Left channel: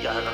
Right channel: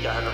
piano.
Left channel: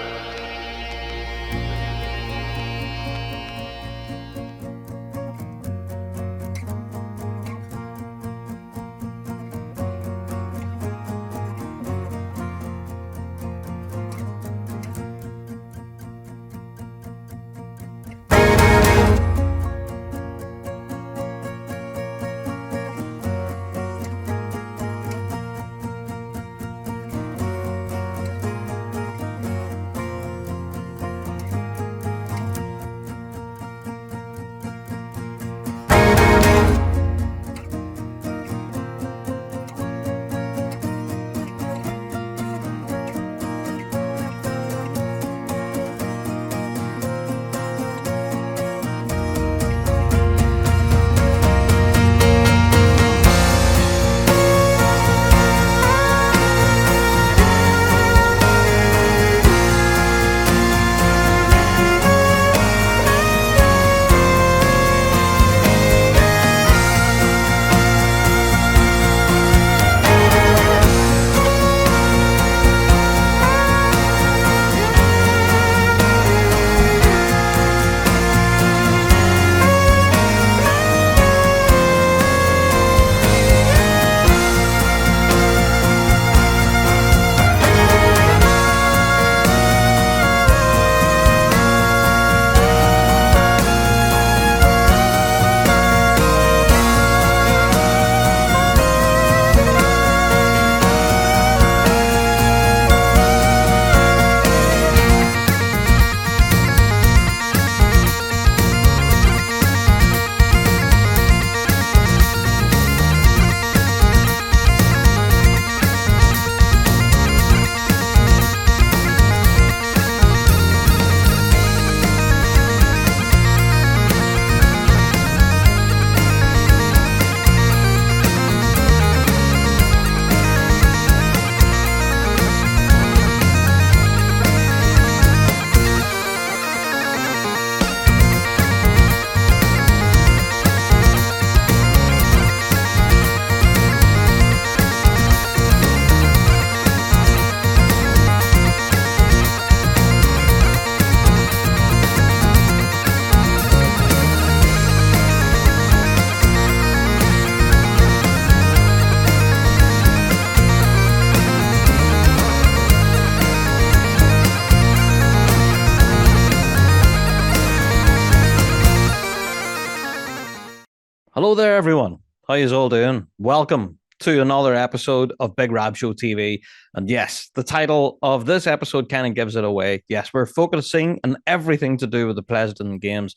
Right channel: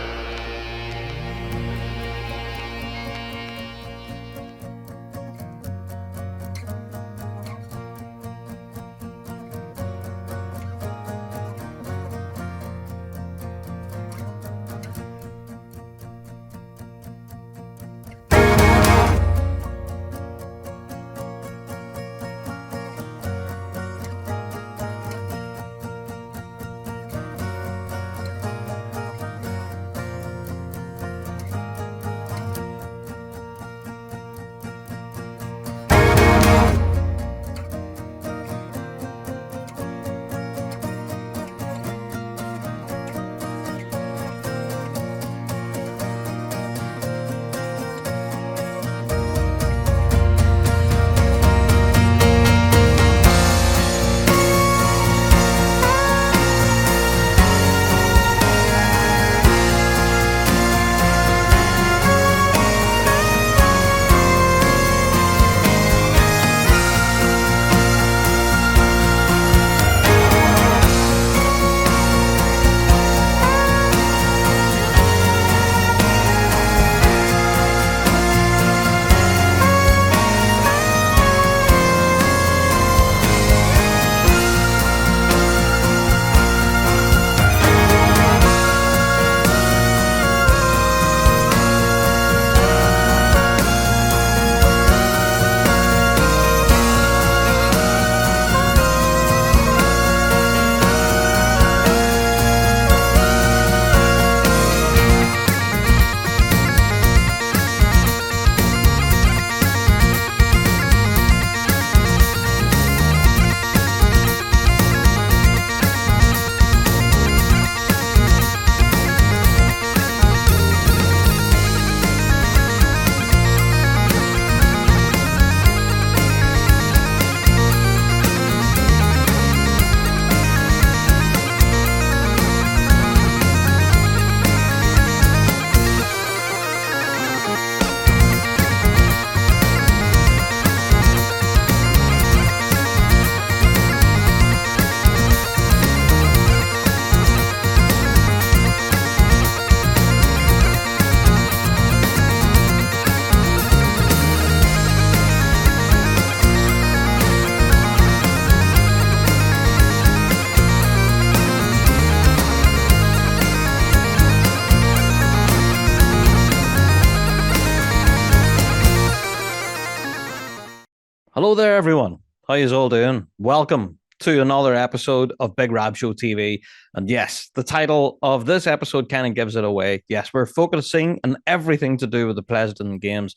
Hello there, everyone. How you all doing? Welcome to another episode of Big Rab Show TV. And yes, the title of this episode kind of gives it away. Yes, we're focusing on everything to do with the Pleasanton Games.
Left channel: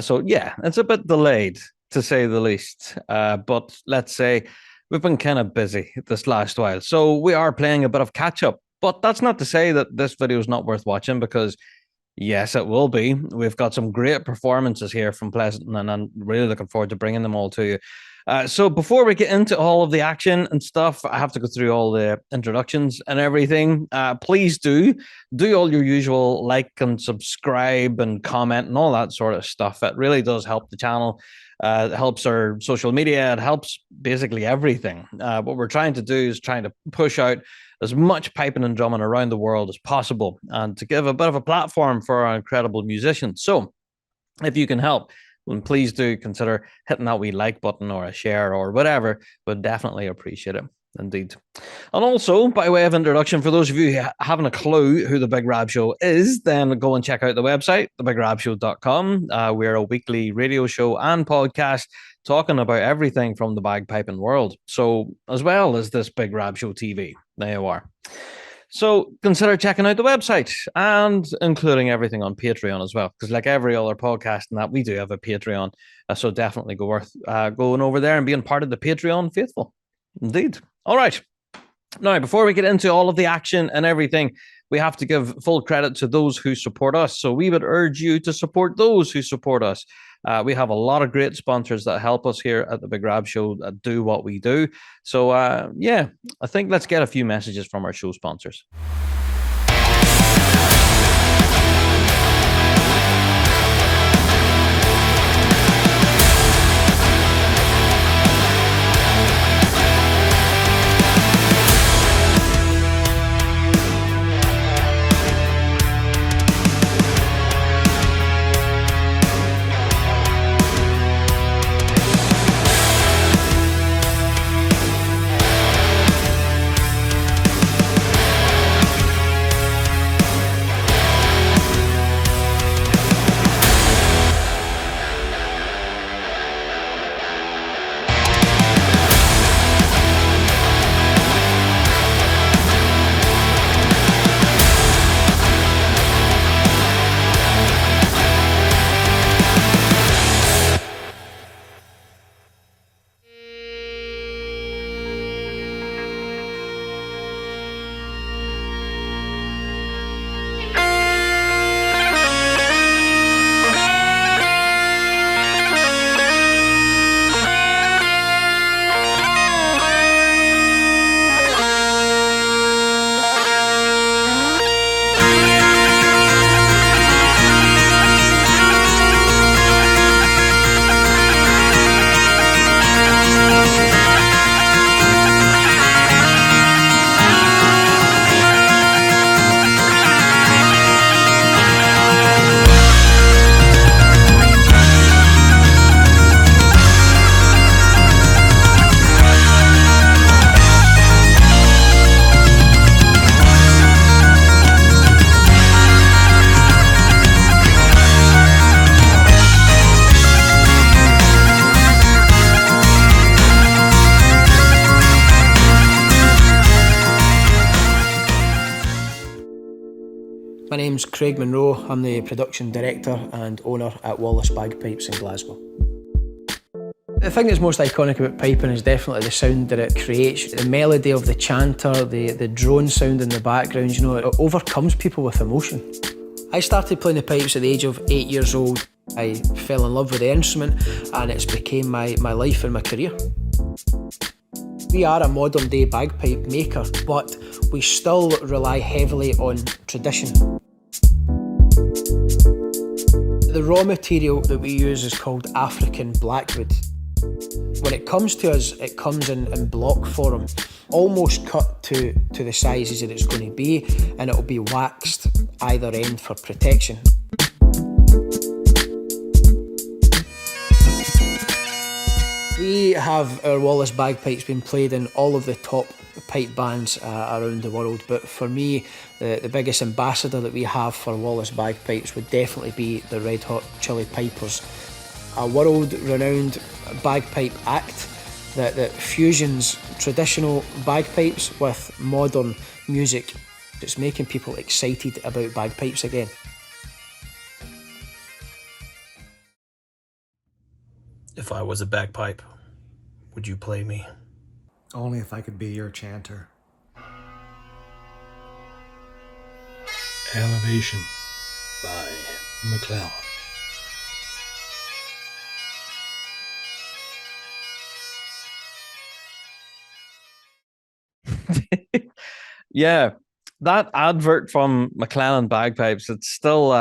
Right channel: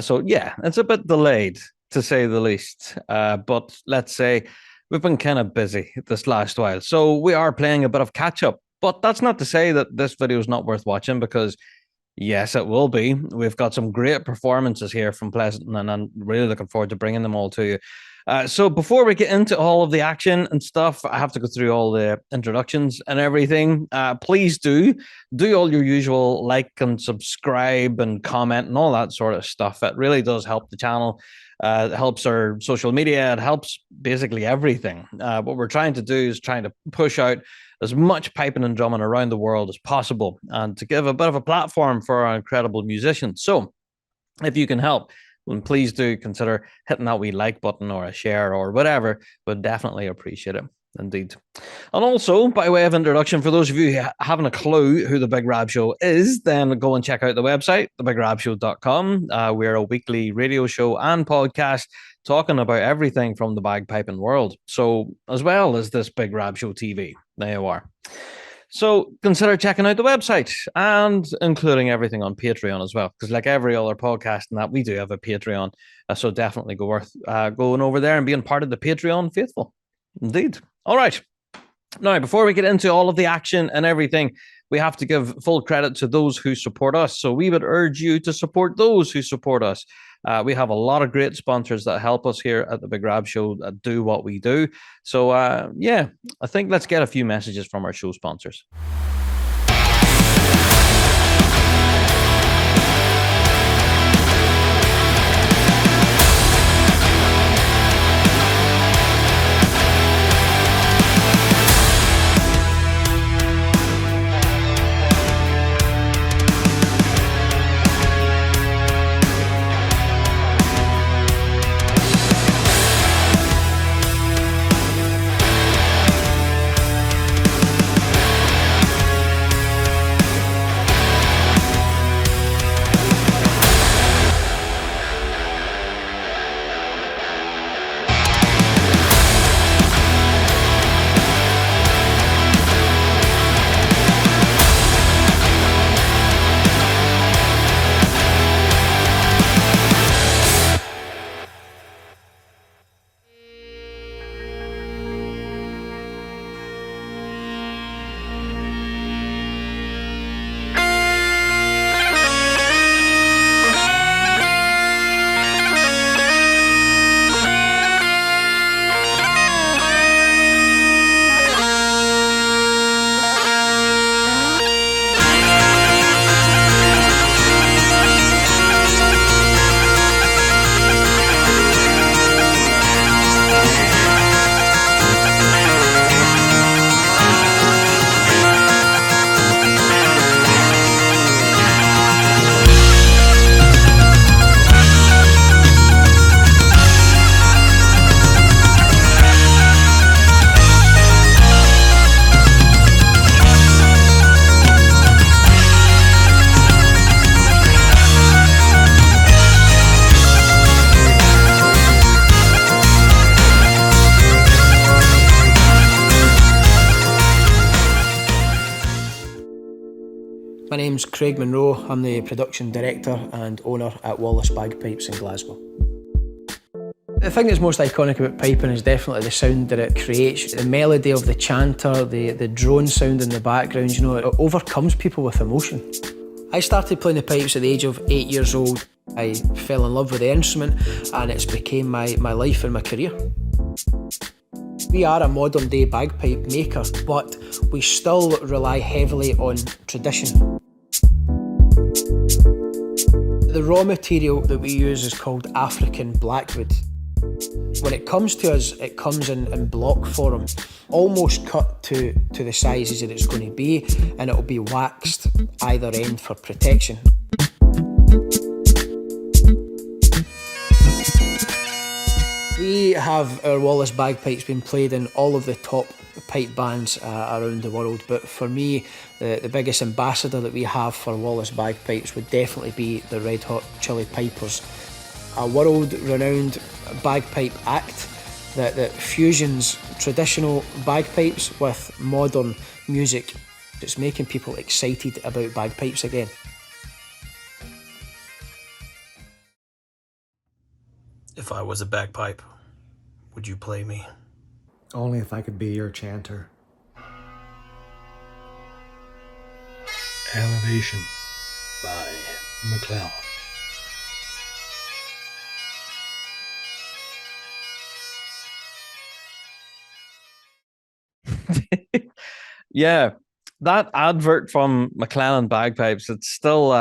So yeah, it's a bit delayed, to say the least. But let's say we've been kind of busy this last while. So we are playing a bit of catch up. But that's not to say that this video is not worth watching, because yes, it will be. We've got some great performances here from Pleasanton, and I'm really looking forward to bringing them all to you. So before we get into all of the action and stuff, I have to go through all the introductions and everything. Please do all your usual like and subscribe and comment and all that sort of stuff. It really does help the channel. It helps our social media. It helps basically everything. What we're trying to do is trying to push out as much piping and drumming around the world as possible, and to give a bit of a platform for our incredible musicians. So if you can help, then please do consider hitting that wee like button or a share or whatever. Would definitely appreciate it. Indeed. And also, by way of introduction, for those of you who haven't a clue who the Big Rab Show is, then go and check out the website, thebigrabshow.com. We're a weekly radio show and podcast talking about everything from the bagpiping world. So, as well as this Big Rab Show TV. There you are. So consider checking out the website and including everything on Patreon as well, because like every other podcast and that, we do have a Patreon. So definitely worth going over there and being part of the Patreon faithful. Indeed. All right. Now, before we get into all of the action and everything, we have to give full credit to those who support us. So we would urge you to support those who support us. We have a lot of great sponsors that help us here at the Big Rab Show that do what we do. So, yeah, I think let's get a few messages from our show sponsors. My name's Craig Monroe. I'm the production director and owner at Wallace Bagpipes in Glasgow. The thing that's most iconic about piping is definitely the sound that it creates. The melody of the chanter, the drone sound in the background, you know, it overcomes people with emotion. I started playing the pipes at the age of 8 years old. I fell in love with the instrument and it's became my life and my career. We are a modern day bagpipe maker, but we still rely heavily on tradition. The raw material that we use is called African blackwood. When it comes to us, it comes in block form, almost cut to the sizes that it's going to be, and it'll be waxed either end for protection. We have our Wallace bagpipes being played in all of the top pipe bands around the world, but for me, the biggest ambassador that we have for Wallace bagpipes would definitely be the Red Hot Chili Pipers, a world-renowned bagpipe act that fusions traditional bagpipes with modern music. It's making people excited about bagpipes again. If I was a bagpipe, would you play me? Only if I could be your chanter. Elevation by McClellan. Yeah, that advert from McClellan Bagpipes, it's still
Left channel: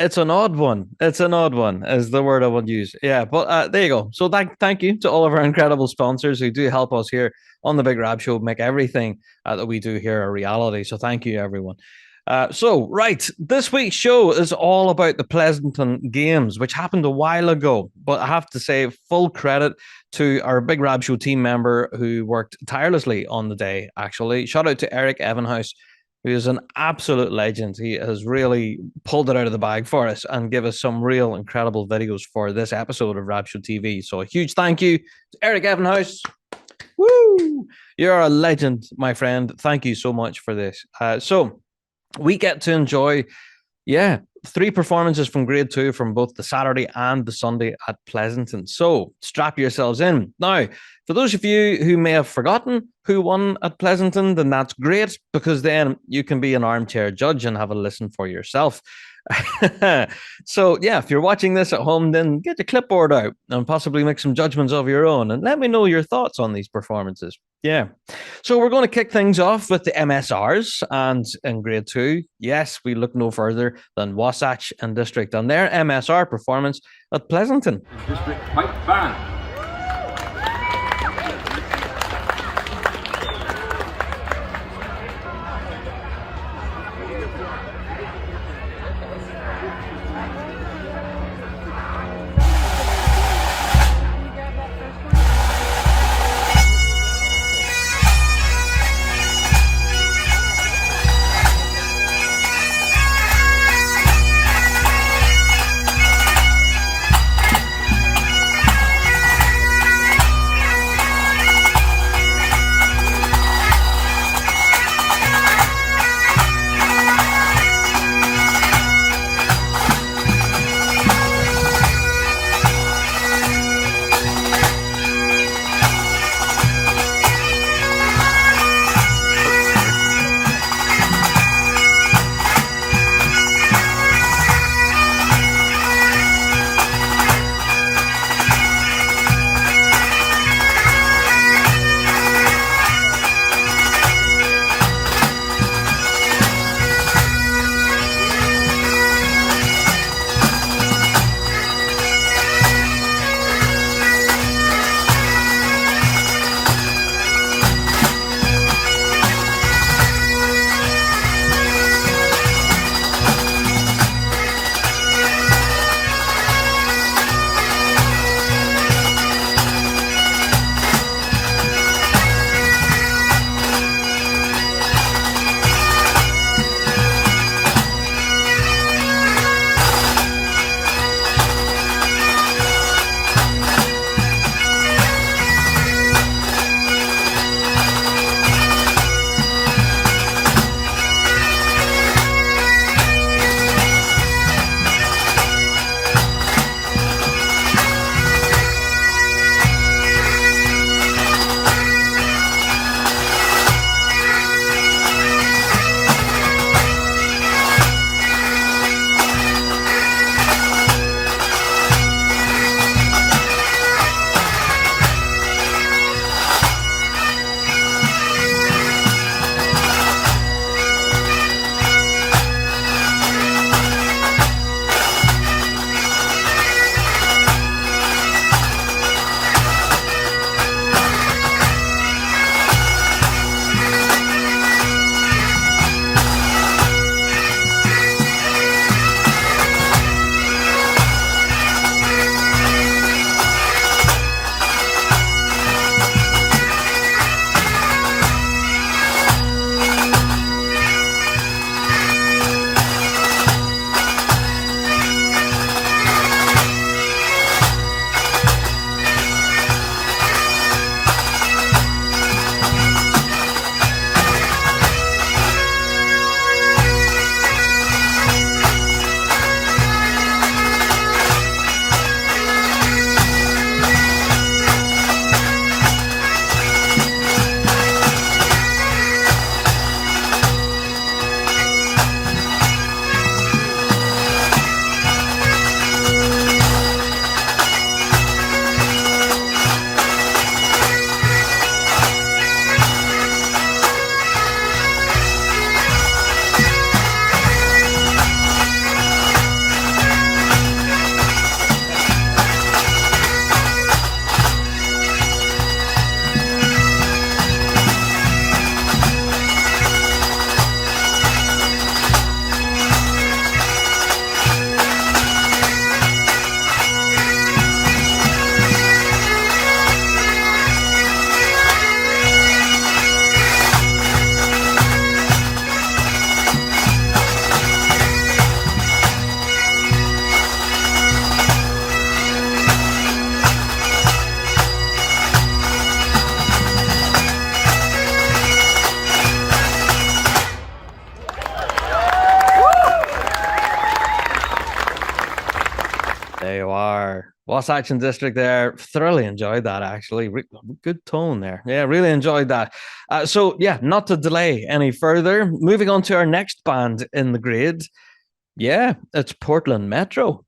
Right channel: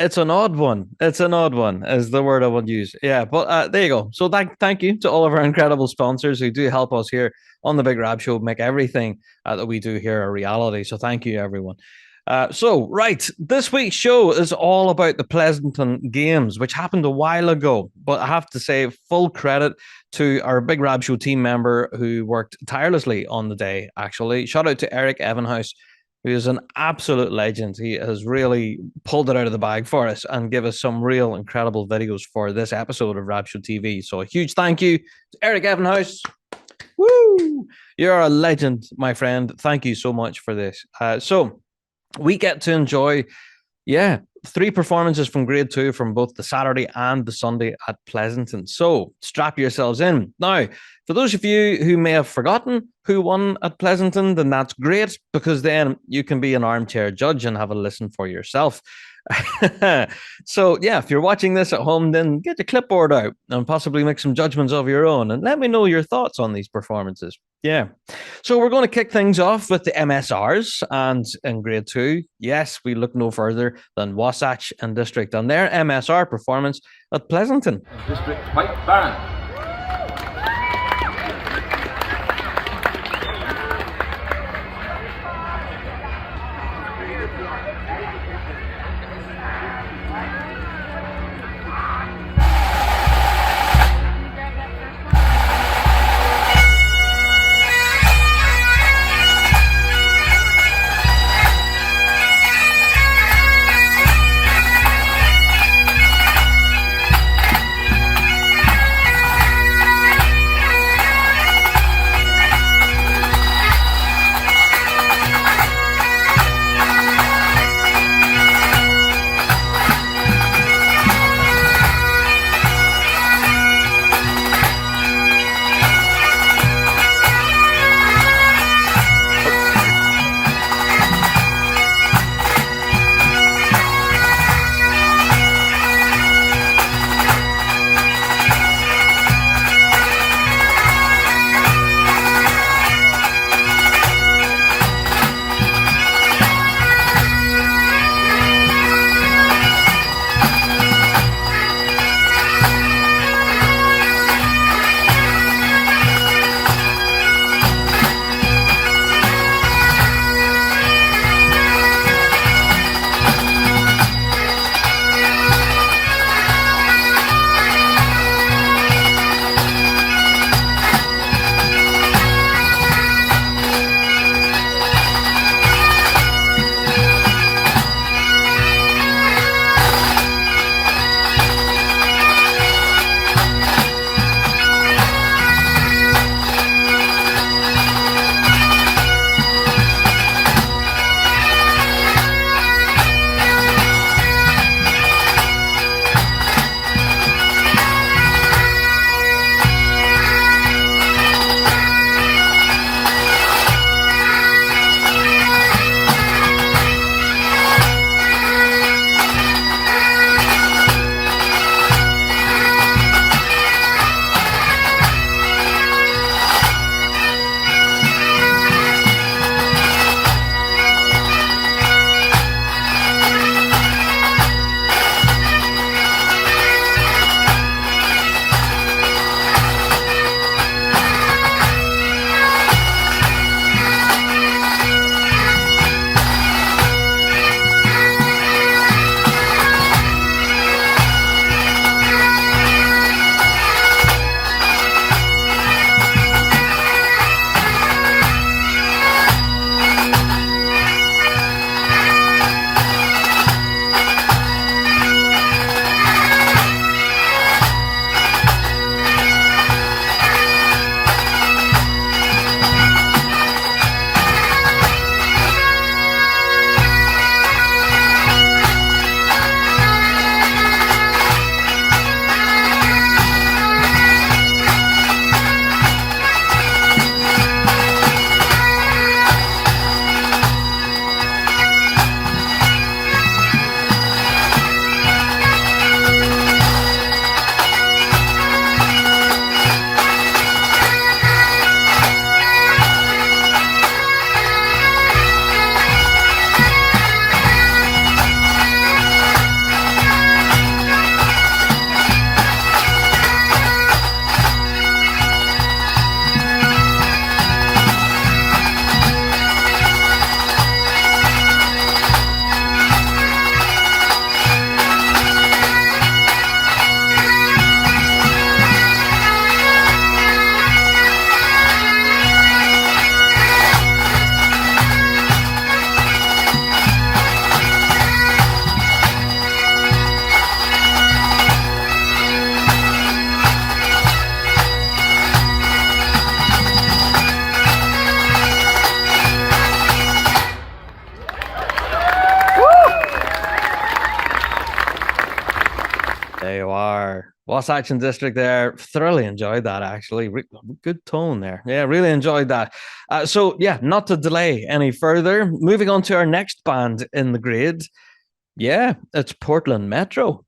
it's an odd one. It's an odd one, is the word I would use. Yeah, but there you go. So thank you to all of our incredible sponsors who do help us here on the Big Rab Show, make everything that we do here a reality. So thank you, everyone. Right, this week's show is all about the Pleasanton Games, which happened a while ago. But I have to say, full credit to our Big Rab Show team member who worked tirelessly on the day, actually. Shout out to Eric Evanhouse, who is an absolute legend. He has really pulled it out of the bag for us and give us some real incredible videos for this episode of Rab Show TV. So a huge thank you to Eric Evanhouse. Woo! You're a legend, my friend. Thank you so much for this. So we get to enjoy, 3 performances from Grade 2 from both the Saturday and the Sunday at Pleasanton. So strap yourselves in. Now, for those of you who may have forgotten who won at Pleasanton, then that's great, because then you can be an armchair judge and have a listen for yourself. So, if you're watching this at home, then get your clipboard out and possibly make some judgments of your own and let me know your thoughts on these performances. Yeah. So we're going to kick things off with the MSRs, and in Grade 2, yes, we look no further than Wasatch and District and their MSR performance at Pleasanton. District White Baron. are. Wasatch District there. Thoroughly enjoyed that, actually. Good tone there. Yeah, really enjoyed that. So, yeah, not to delay any further, moving on to our next band in the grade. Yeah, it's Portland Metro.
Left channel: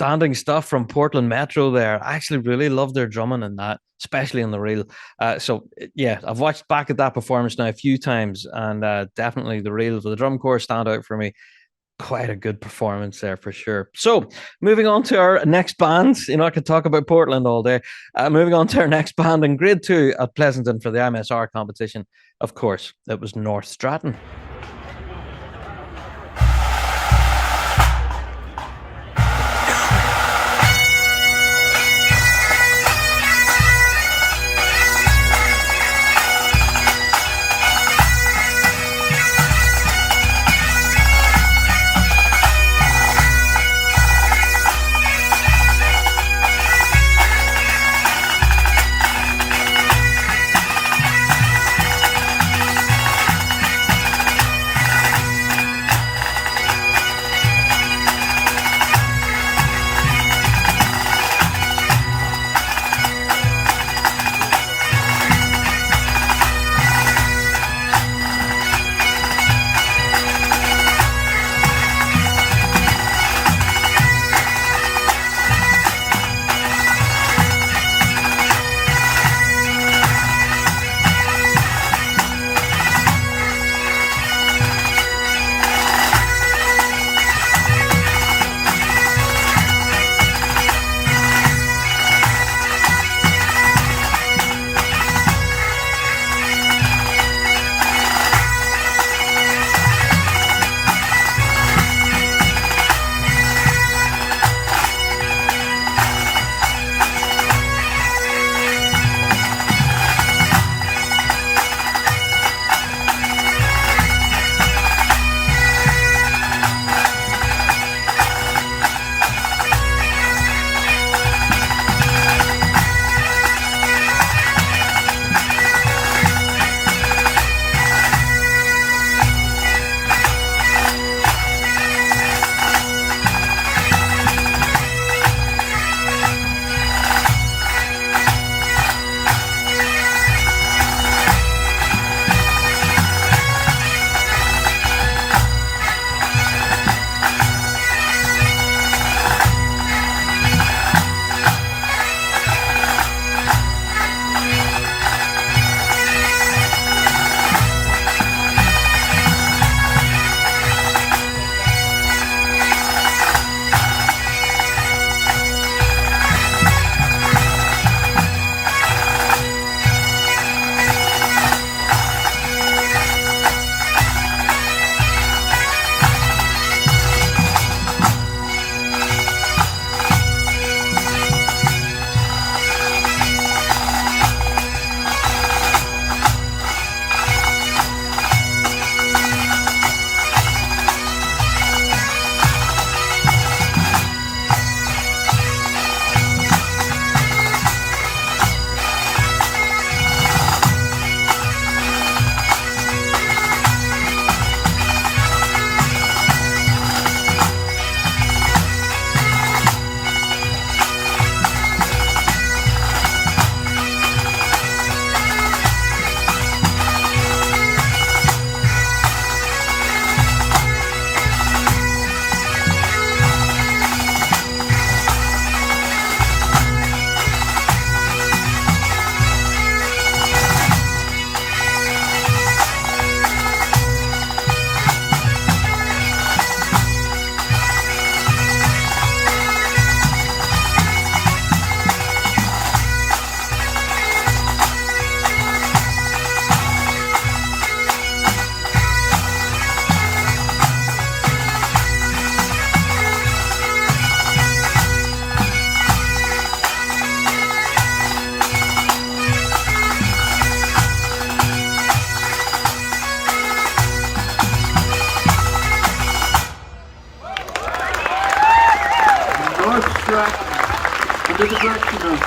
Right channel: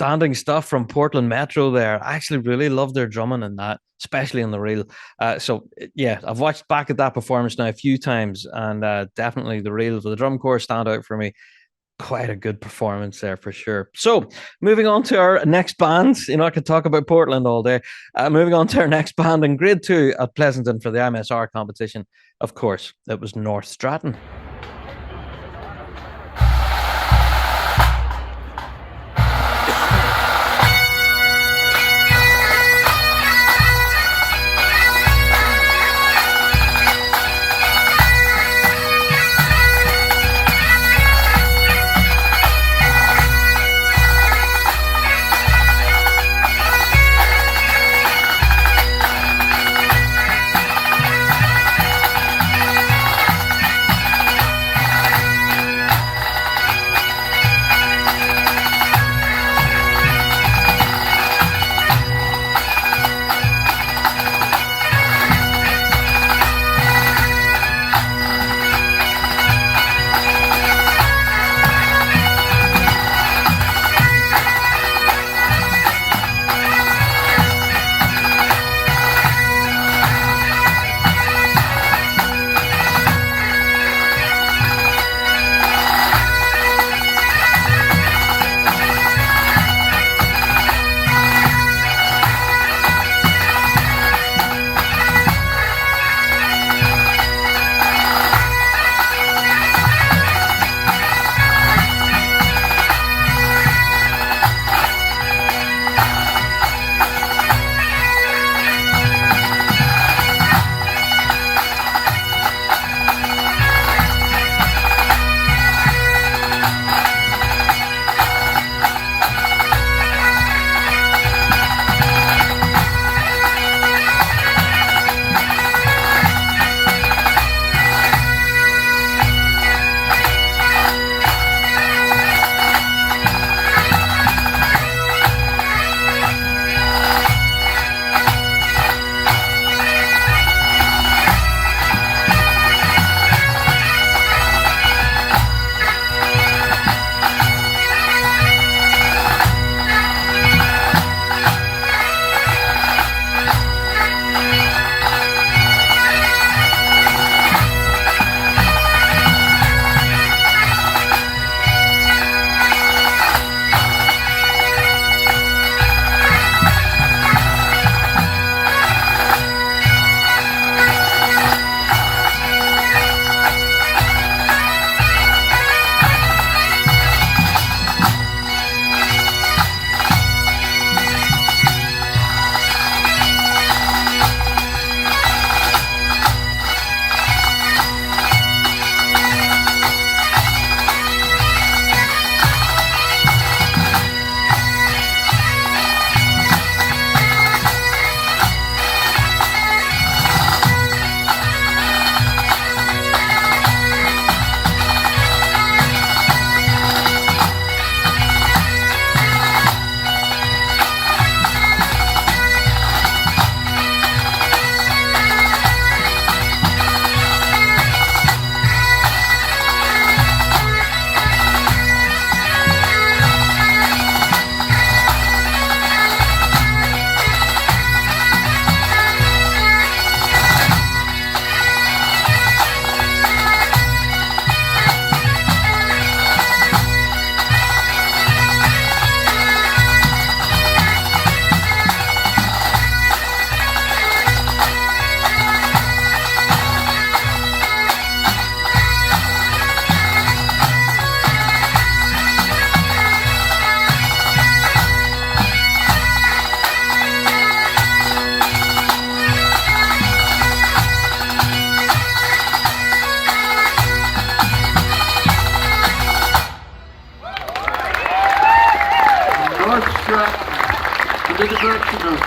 outstanding stuff from Portland Metro there. I actually really love their drumming in that, especially in the reel. So yeah, I've watched back at that performance now a few times, and definitely the reels of the drum corps stand out for me. Quite a good performance there for sure. So moving on to our next band. I could talk about Portland all day. Moving on to our next band in grade 2 at Pleasanton for the MSR competition. Of course, it was North Stratton. North Stratton, under the direction of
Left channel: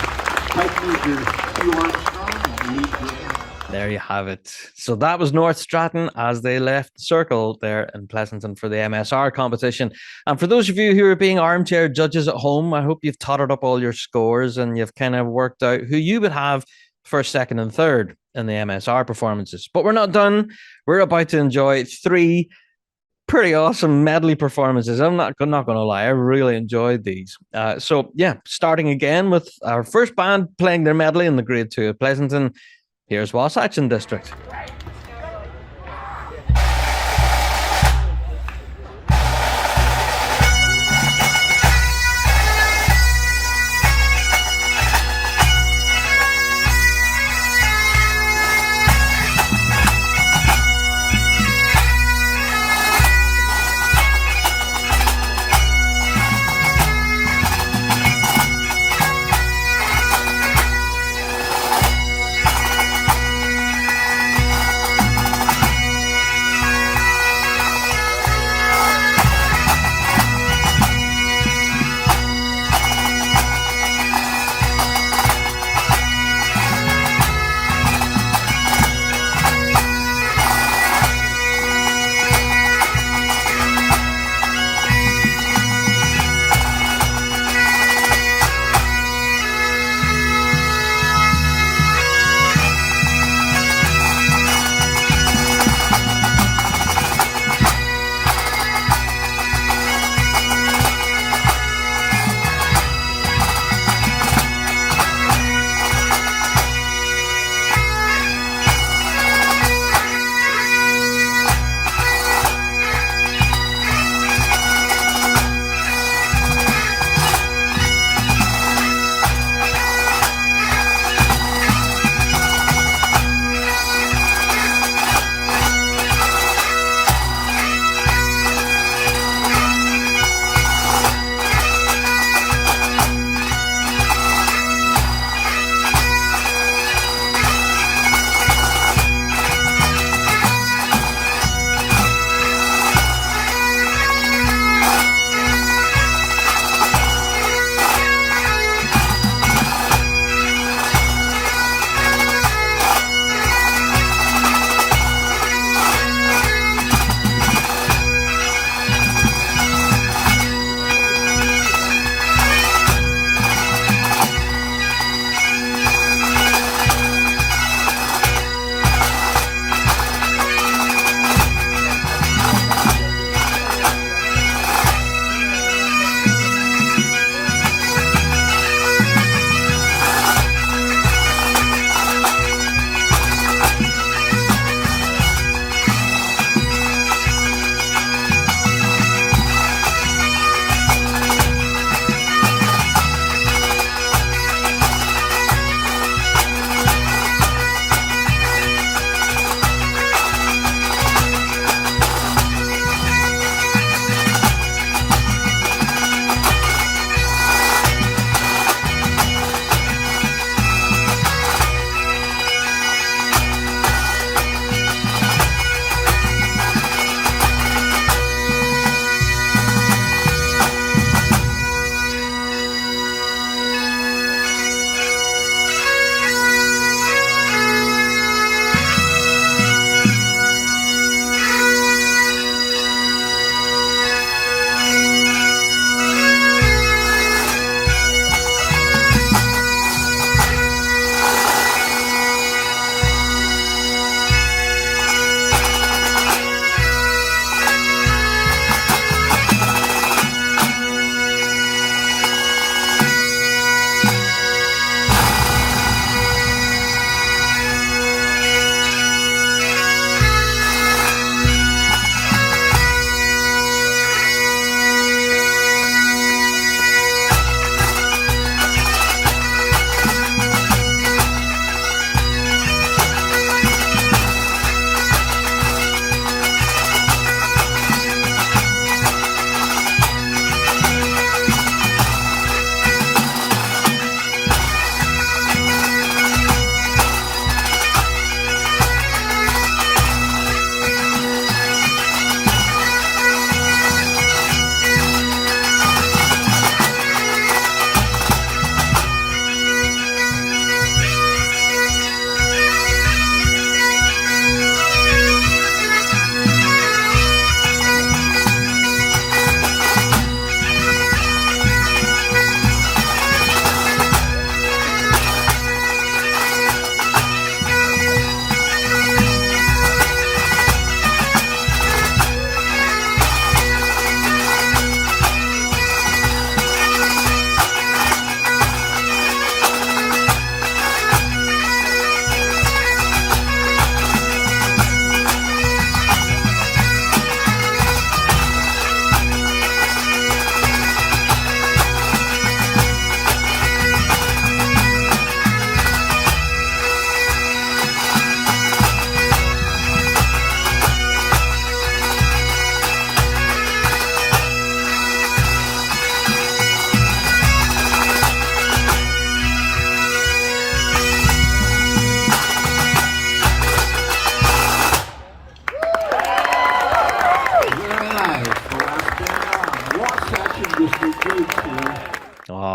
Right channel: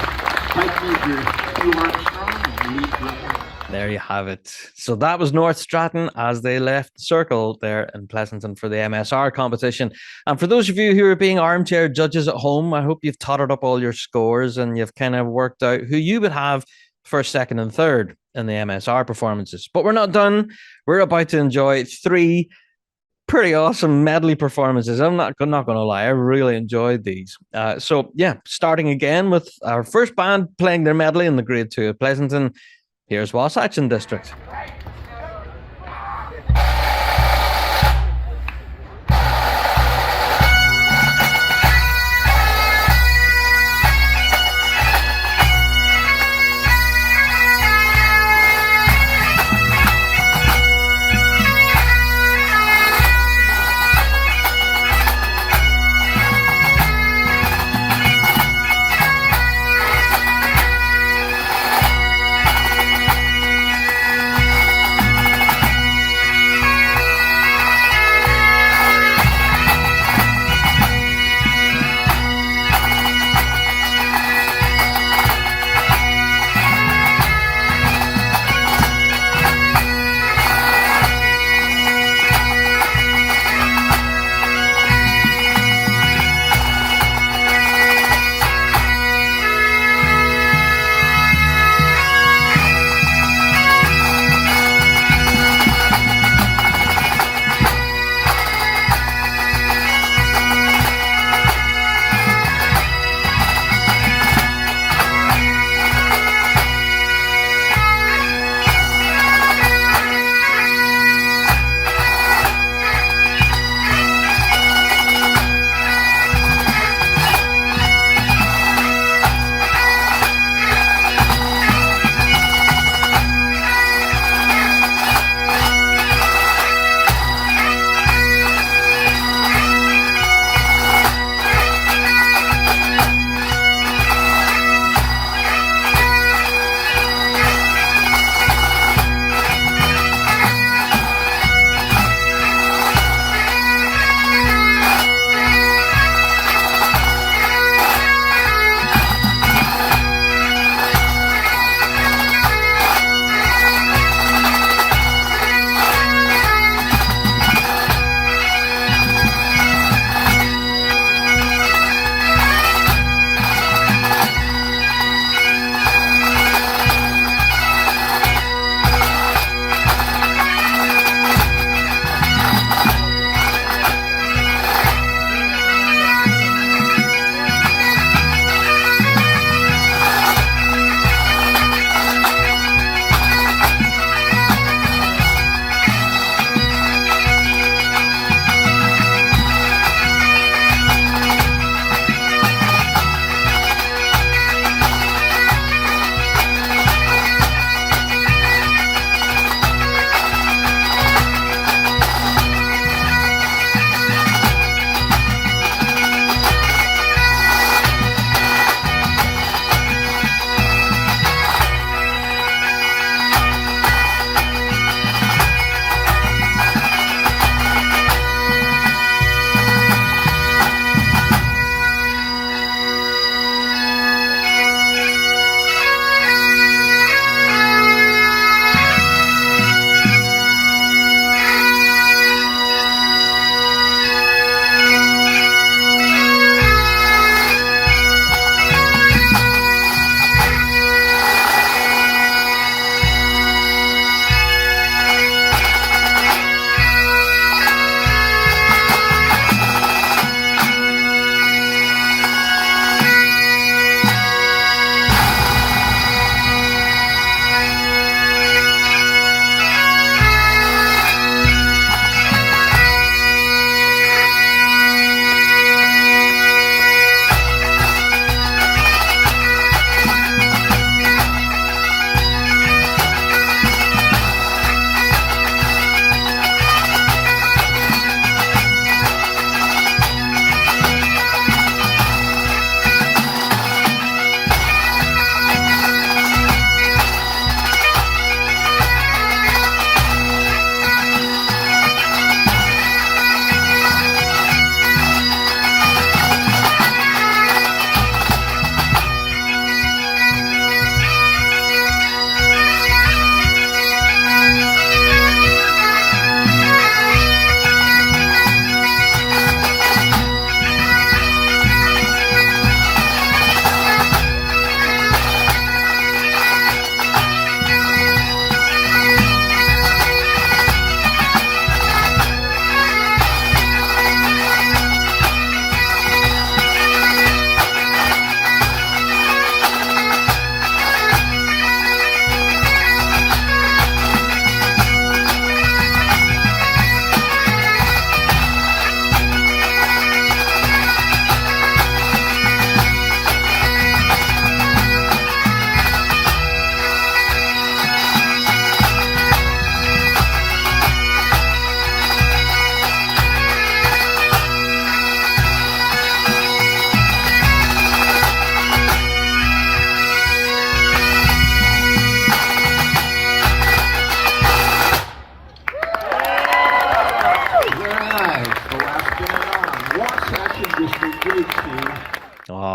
pipe major Hugh Armstrong and lead drummer. There you have it. So that was North Stratton as they left the circle there in Pleasanton for the MSR competition. And for those of you who are being armchair judges at home, I hope you've totted up all your scores and you've kind of worked out who you would have first, second, and third in the MSR performances. But we're not done. We're about to enjoy 3 pretty awesome medley performances. I'm not going to lie. I really enjoyed these. So yeah, starting again with our first band playing their medley in the Grade 2 of Pleasanton. Here's Wasatch District.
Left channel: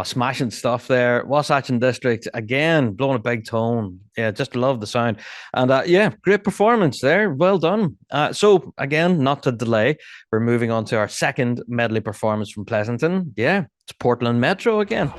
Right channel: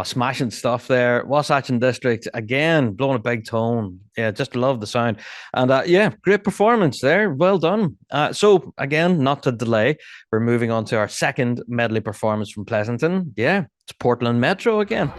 smashing stuff there. Wasatch District, again, blowing a big tone. Yeah, just love the sound. And yeah, great performance there. Well done. So, again, not to delay, we're moving on to our second medley performance from Pleasanton. Yeah, it's Portland Metro again.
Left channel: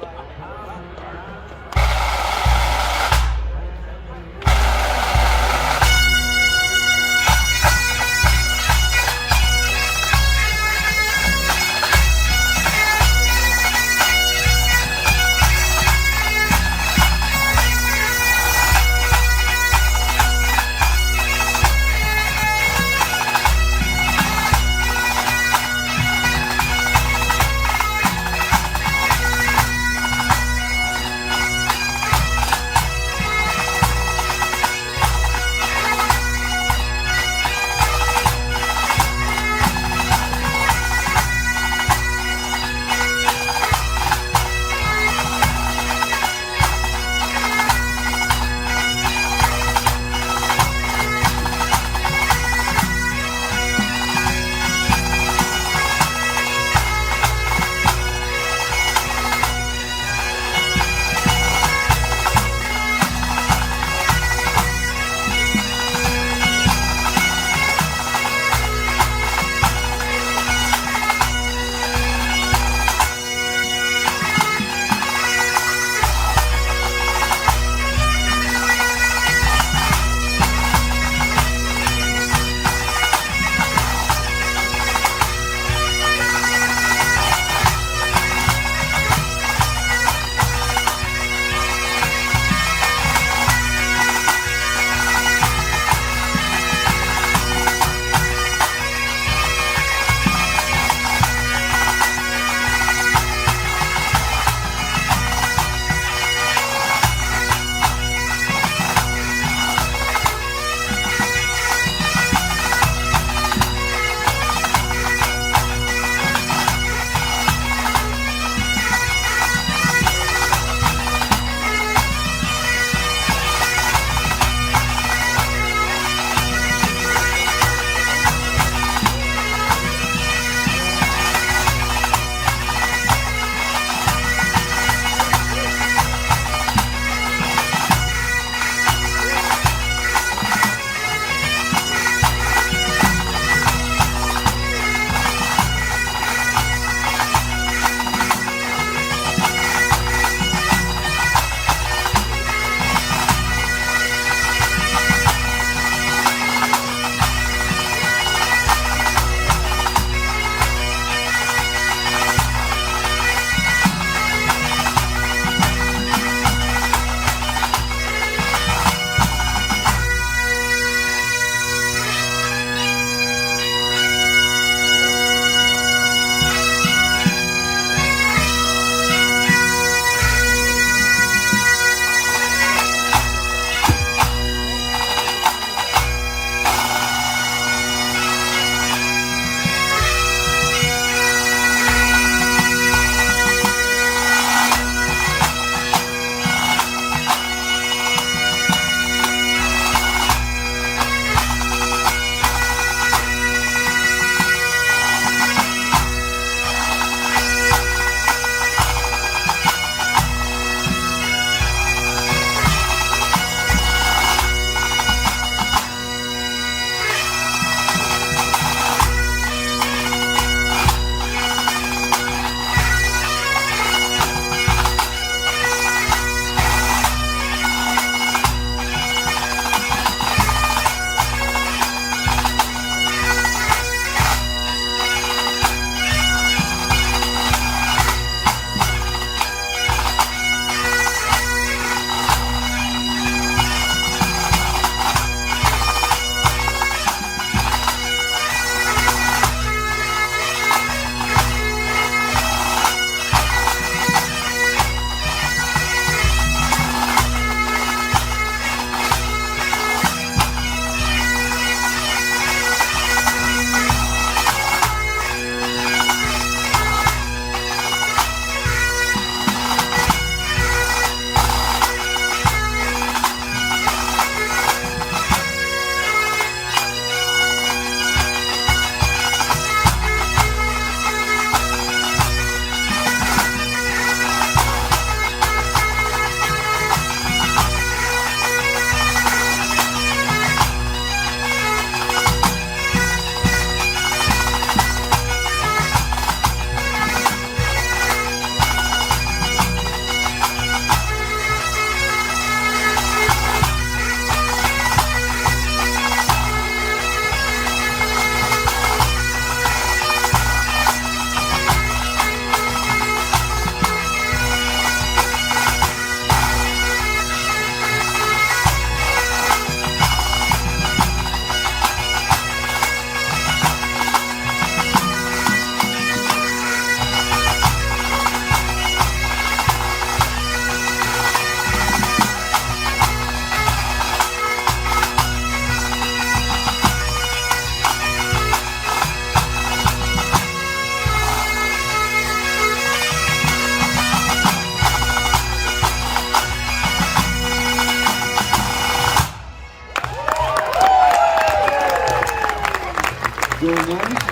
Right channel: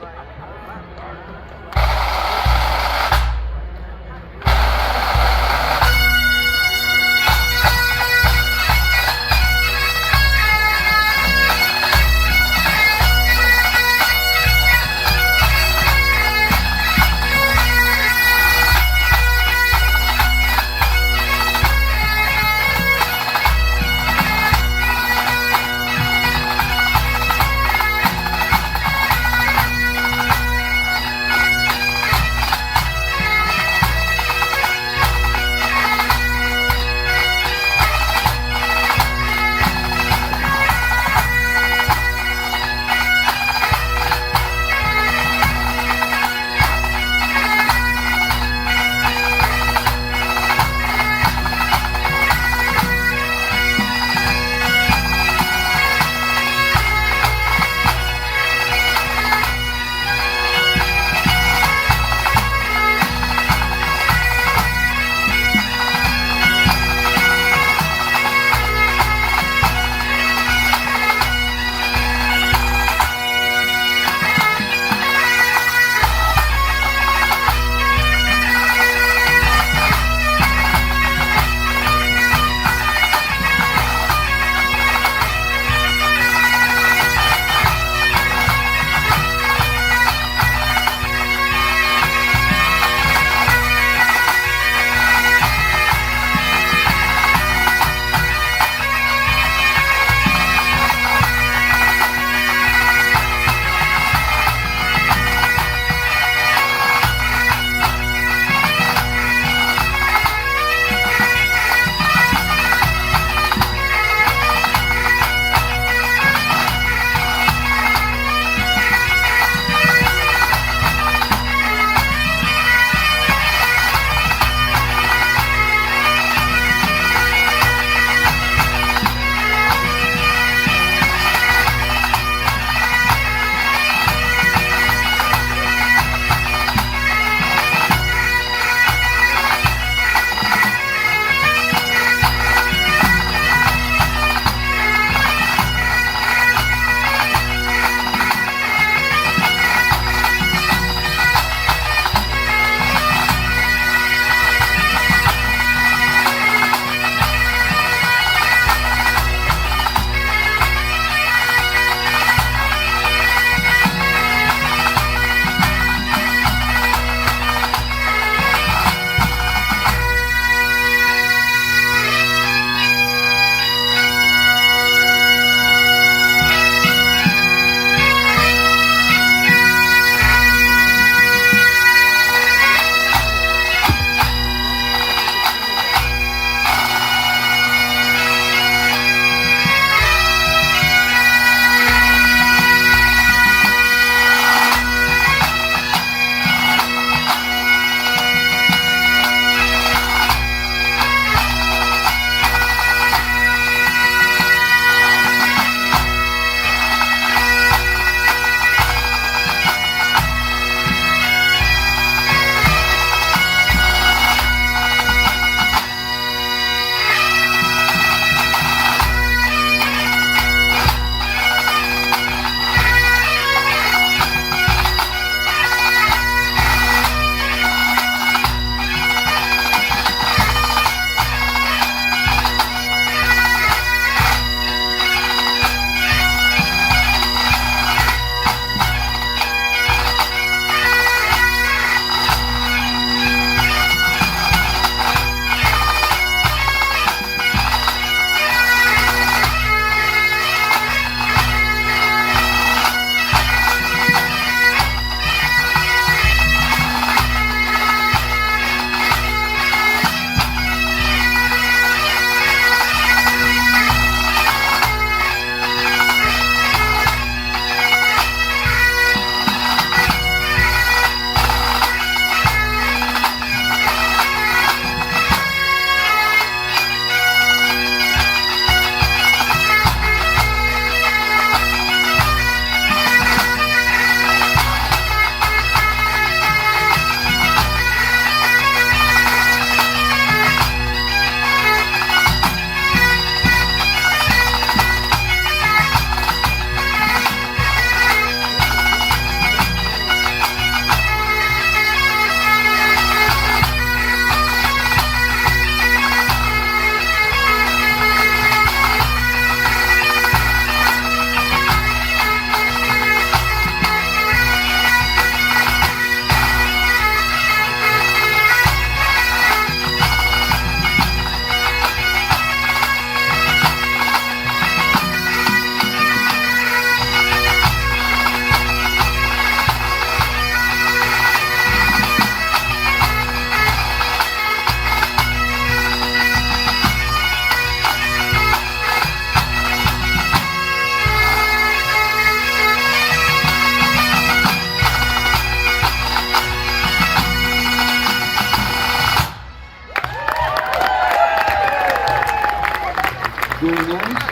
Very nice.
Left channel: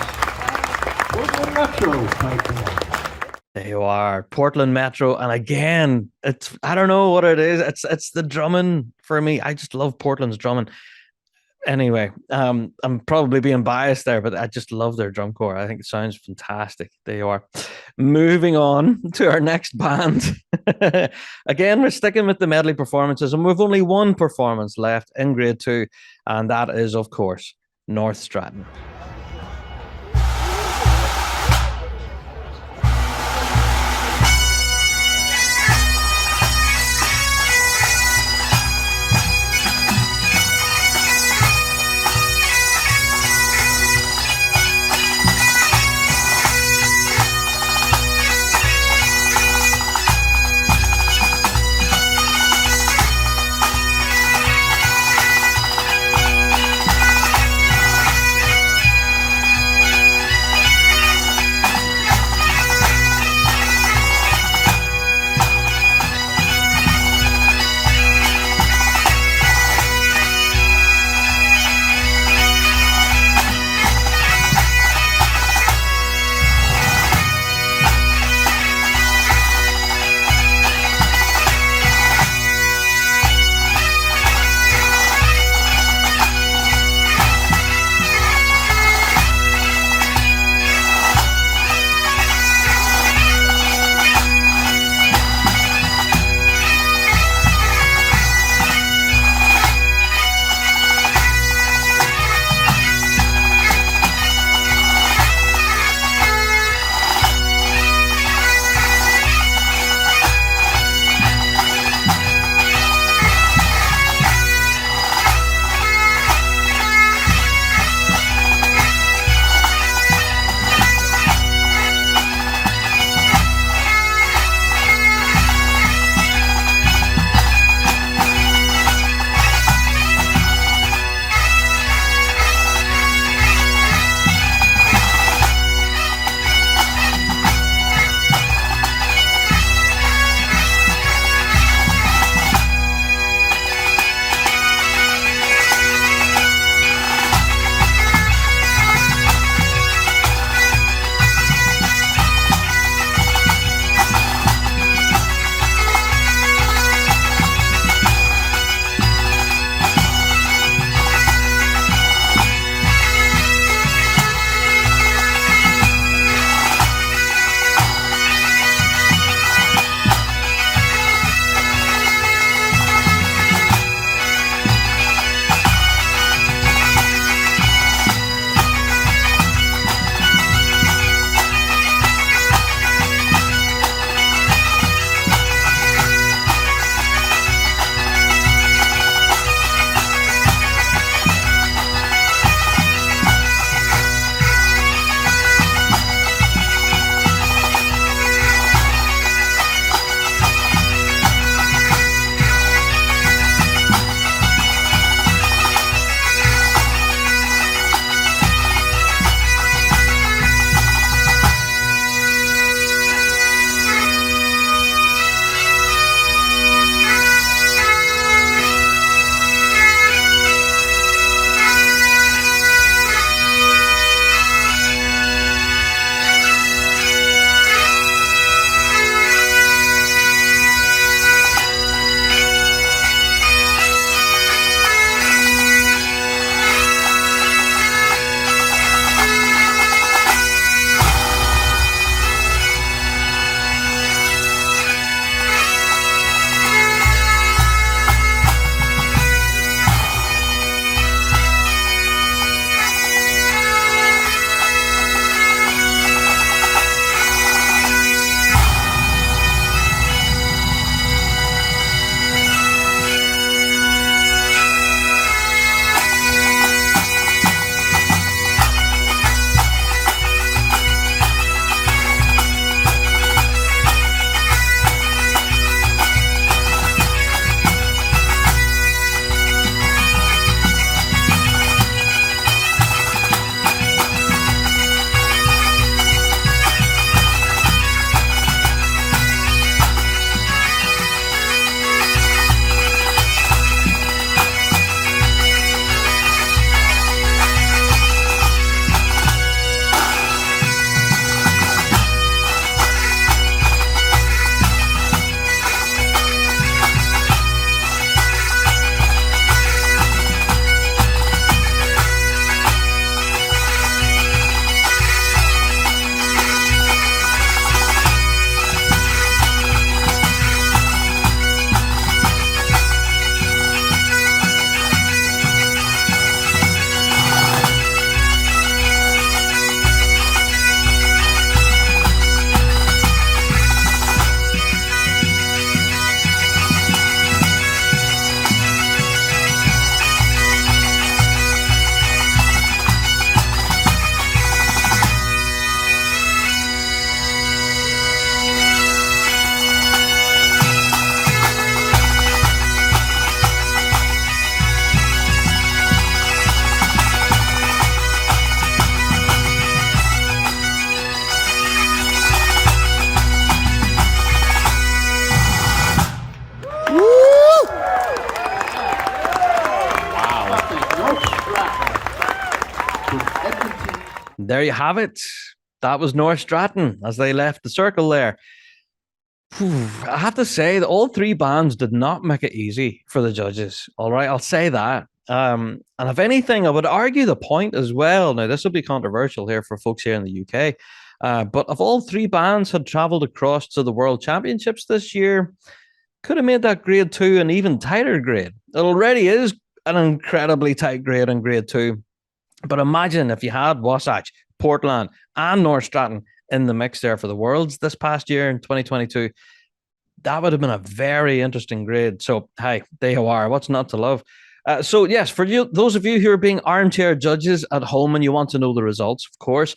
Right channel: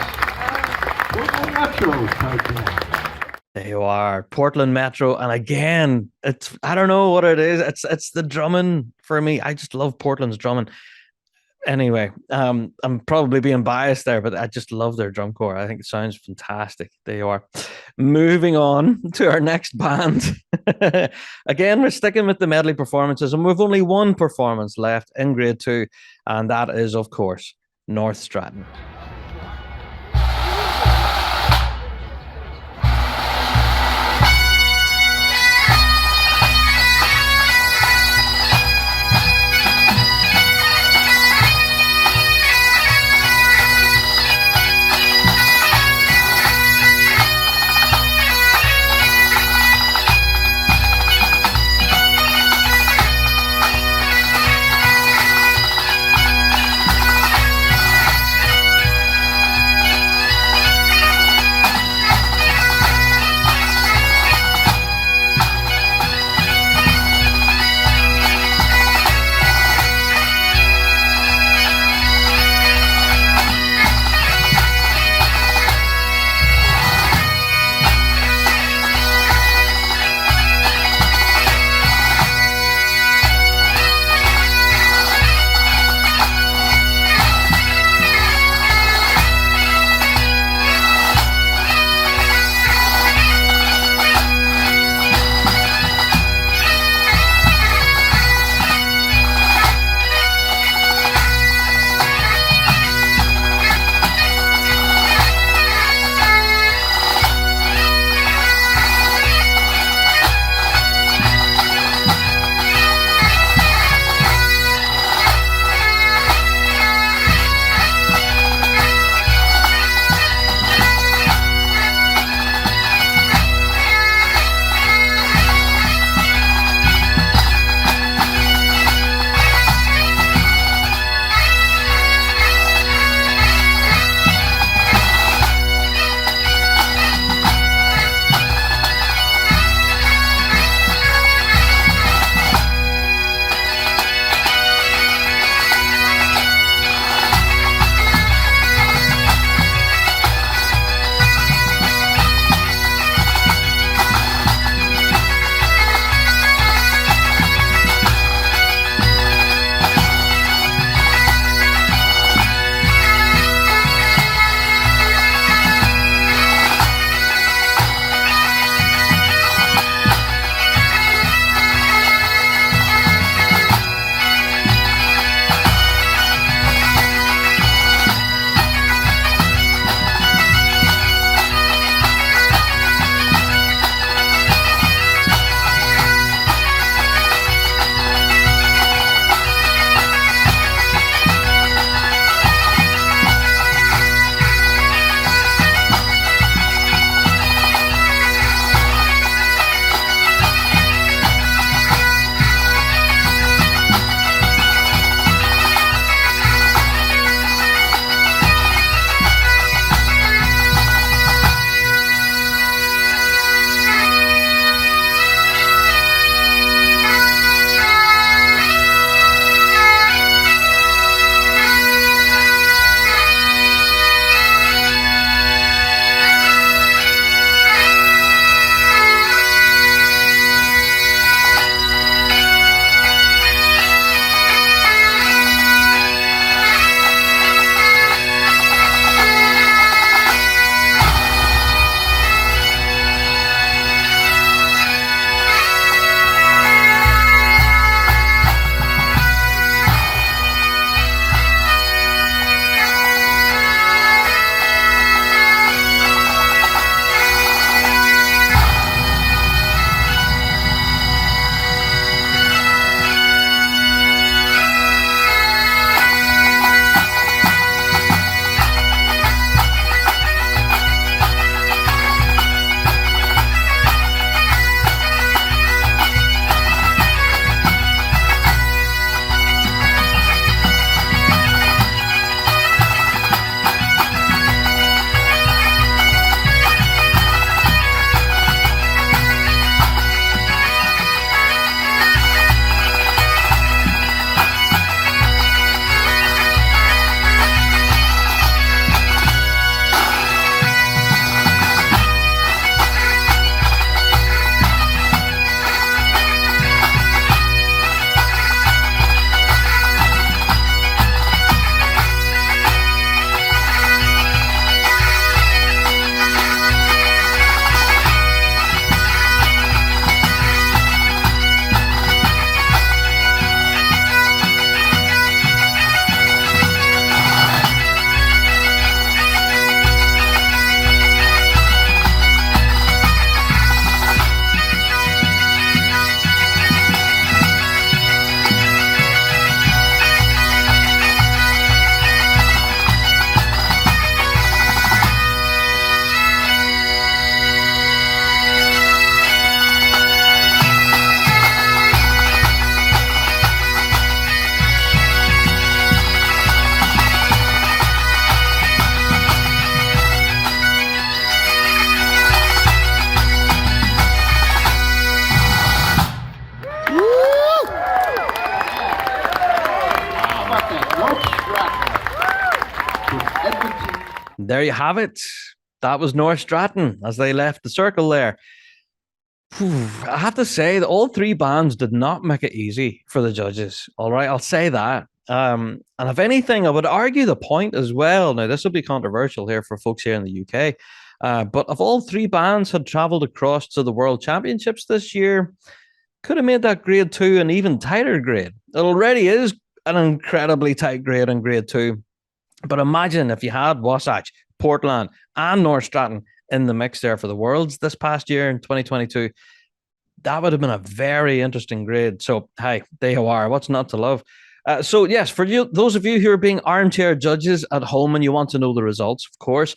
Portland Metro piping in. There you are, Portland Metro, and again, I don't know what it is. It's the drumming for me. I just love Portland's drumming. Anyway, I'm probably being biased there, but I just love their drum corps. I think it sounds fantastic. There you are. Moving on to our next band. Again, we're sticking with the medley performances, and we've only one performance left in grade 2, and that is, of course, North Stratton. there you have it. That was North Stratton as they left the circle there. I have to say that all three bands did not make it easy for the judges. All right, I'll say that. And if anything, I would argue the point as well. Now, this will be controversial here for folks here in the UK. But if all three bands had travelled across to the World Championships this year, could have made that grade 2 an even tighter grade. It already is an incredibly tight grade in grade 2. But imagine if you had Wasatch, Portland, and North Stratton in the mix there for the Worlds this past year in 2022. That would have been a very interesting grade. So, hey, there you are. What's not to love? So, yes, for you, those of you who are being armchair judges at home and you want to know the results, of course,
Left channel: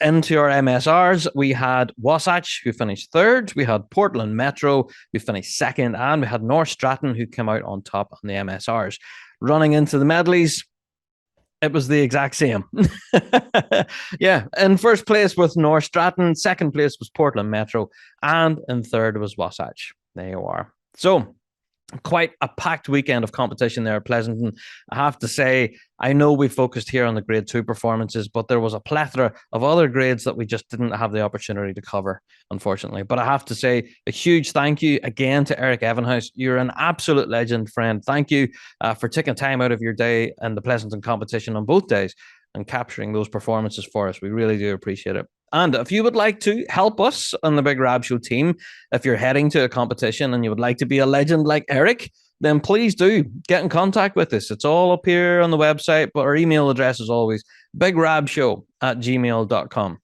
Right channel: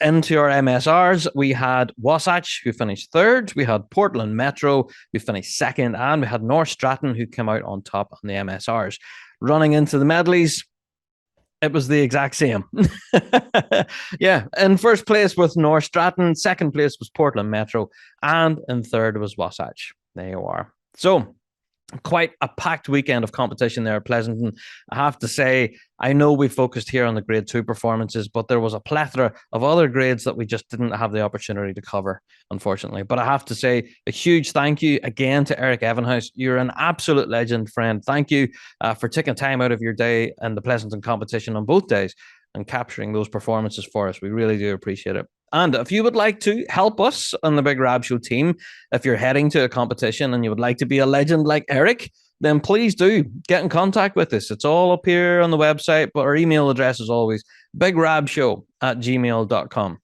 into our MSRs, we had Wasatch, who finished 3rd. We had Portland Metro, who finished 2nd. And we had North Stratton, who came out on top on the MSRs. Running into the medleys, it was the exact same. Yeah, in first place was North Stratton, second place was Portland Metro, and in third was Wasatch. There you are. So, quite a packed weekend of competition there at Pleasanton. I have to say, I know we focused here on the grade 2 performances, but there was a plethora of other grades that we just didn't have the opportunity to cover, unfortunately. But I have to say a huge thank you again to Eric Evenhouse. You're an absolute legend, friend. Thank you for taking time out of your day and the Pleasanton competition on both days and capturing those performances for us. We really do appreciate it. And if you would like to help us on the Big Rab Show team, if you're heading to a competition and you would like to be a legend like Eric, then please do get in contact with us. It's all up here on the website, but our email address is always bigrabshow@gmail.com.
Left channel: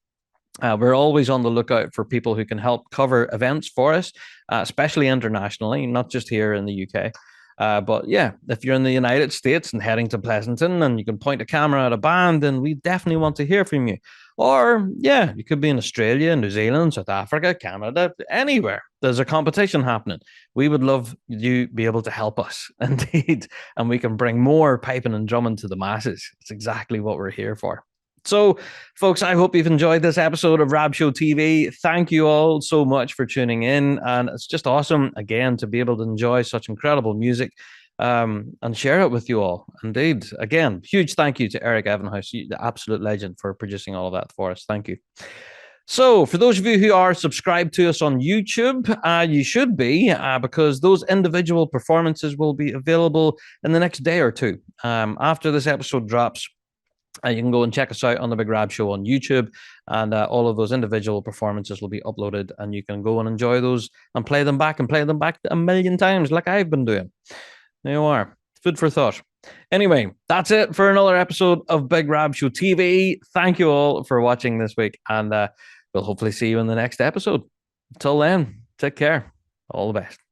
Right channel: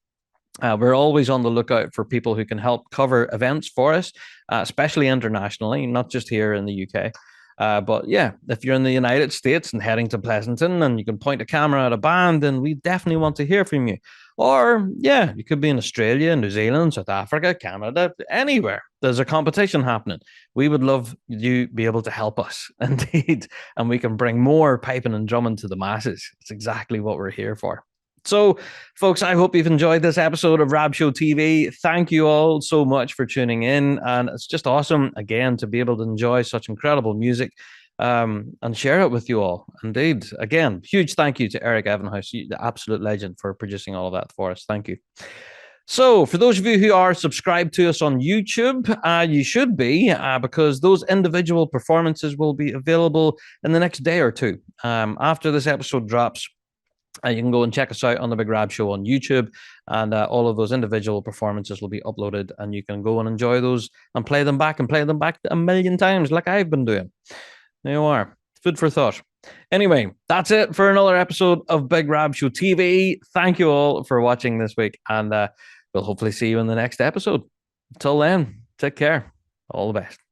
We're always on the lookout for people who can help cover events for us, especially internationally, not just here in the UK. But yeah, if you're in the United States and heading to Pleasanton and you can point a camera at a band, then we definitely want to hear from you. Or, yeah, you could be in Australia, New Zealand, South Africa, Canada, anywhere. There's a competition happening. We would love you be able to help us, indeed. And we can bring more piping and drumming to the masses. It's exactly what we're here for. So, folks, I hope you've enjoyed this episode of Rab Show TV. Thank you all so much for tuning in. And it's just awesome, again, to be able to enjoy such incredible music and share it with you all. Indeed. Again, huge thank you to Eric Evenhouse, the absolute legend, for producing all of that for us. Thank you. So, for those of you who are subscribed to us on YouTube, you should be, because those individual performances will be available in the next day or two. After this episode drops, you can go and check us out on the Big Rab Show on YouTube, and all of those individual performances will be uploaded, and you can go and enjoy those and play them back a million times like I've been doing. There you are. Food for thought. Anyway, that's it for another episode of Big Rab Show TV. Thank you all for watching this week, and we'll hopefully see you in the next episode. Until then, take care. All the best.